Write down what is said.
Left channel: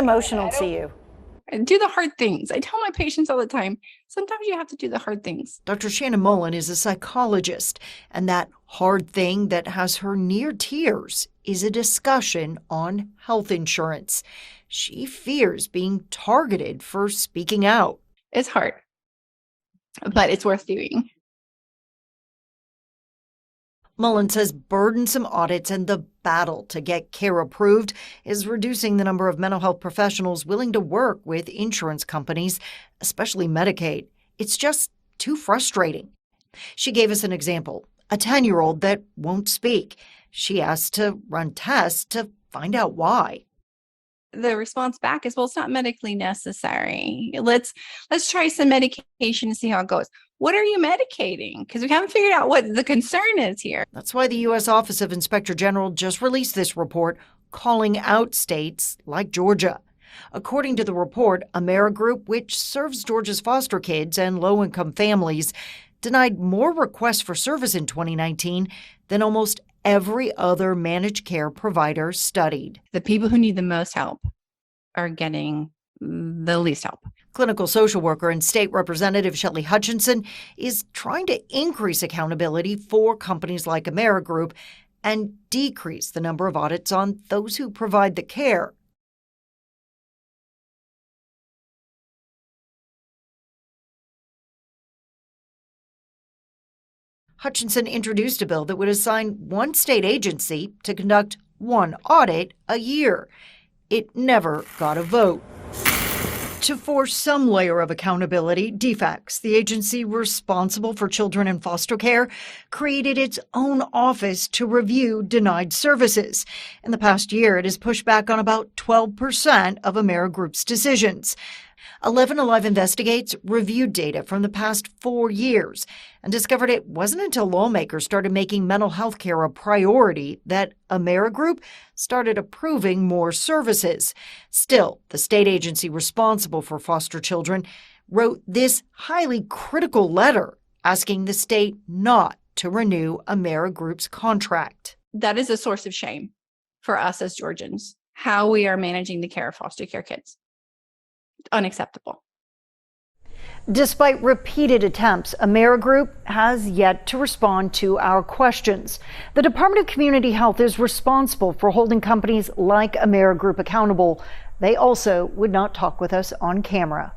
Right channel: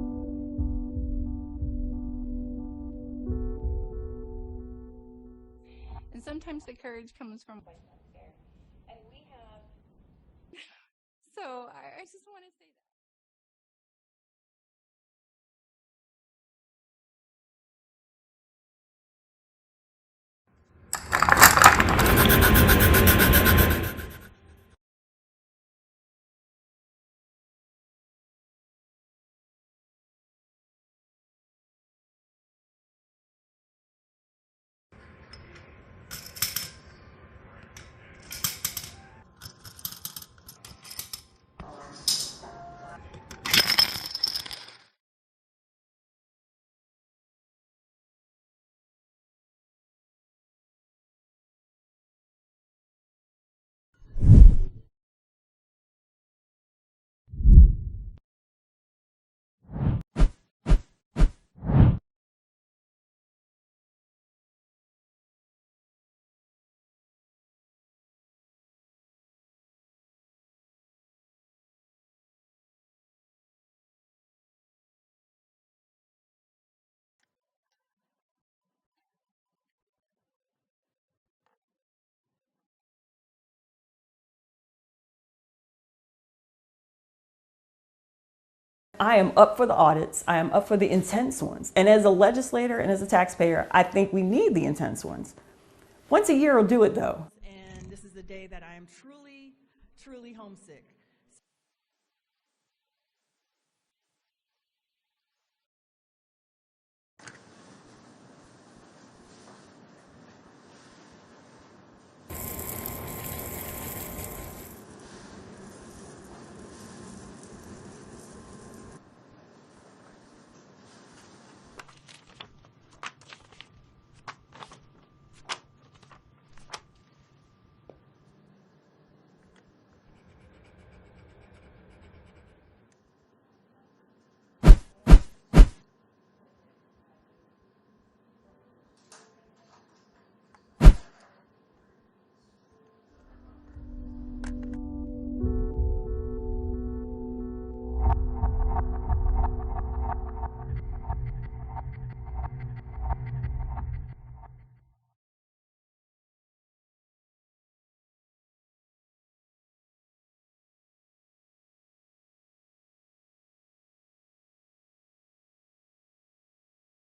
emotional to you? Do the hard things. I tell my patients all the time, sometimes you have to do the hard things. Dr. Shannon Mullen is a psychologist, and that hard thing that has her near tears is a discussion on health insurance. She fears being targeted for speaking out. It's hard, but it's worth doing. Mullen says burdensome audits and the battle to get care approved is reducing the number of mental health professionals willing to work with insurance companies, especially Medicaid. It's just too frustrating. She gave us an example, a 10-year-old that won't speak. She asked to run tests to find out why. The response back is, well, it's not medically necessary. Let's try some medication and see how it goes. What are you medicating? Because we haven't figured out what the concern is here. That's why the U.S. Office of Inspector General just released this report calling out states like Georgia. According to the report, Amerigroup, which serves Georgia's foster kids and low-income families, denied more requests for service in 2019 than almost every other managed care provider studied. The people who need the most help are getting the least help. Clinical social worker and state representative Shelley Hutchinson is trying to increase accountability for companies like Amerigroup and decrease the number of audits on those who provide the care. I am up for the audits. I am up for the intense ones. And as a legislator and as a taxpayer, I think we need the intense ones. Once a year will do it, though. Hutchinson introduced a bill that would assign one state agency to conduct one audit a year. It never got a vote. To force some layer of accountability, DFACS, the agency responsible for children in foster care, created its own office to review denied services. In the past year, it has pushed back on about 12% of Amerigroup's decisions. 11alive Investigates reviewed data from the past 4 years and discovered it wasn't until lawmakers started making mental health care a priority that Amerigroup started approving more services. Still, the state agency responsible for foster children wrote this highly critical letter asking the state not to renew Amerigroup's contract. That is a source of shame for us as Georgians, how we are managing the care of foster care kids. Unacceptable. Despite repeated attempts, Amerigroup has yet to respond to our questions. The Department of Community Health is responsible for holding companies like Amerigroup accountable. They also would not talk with us on camera.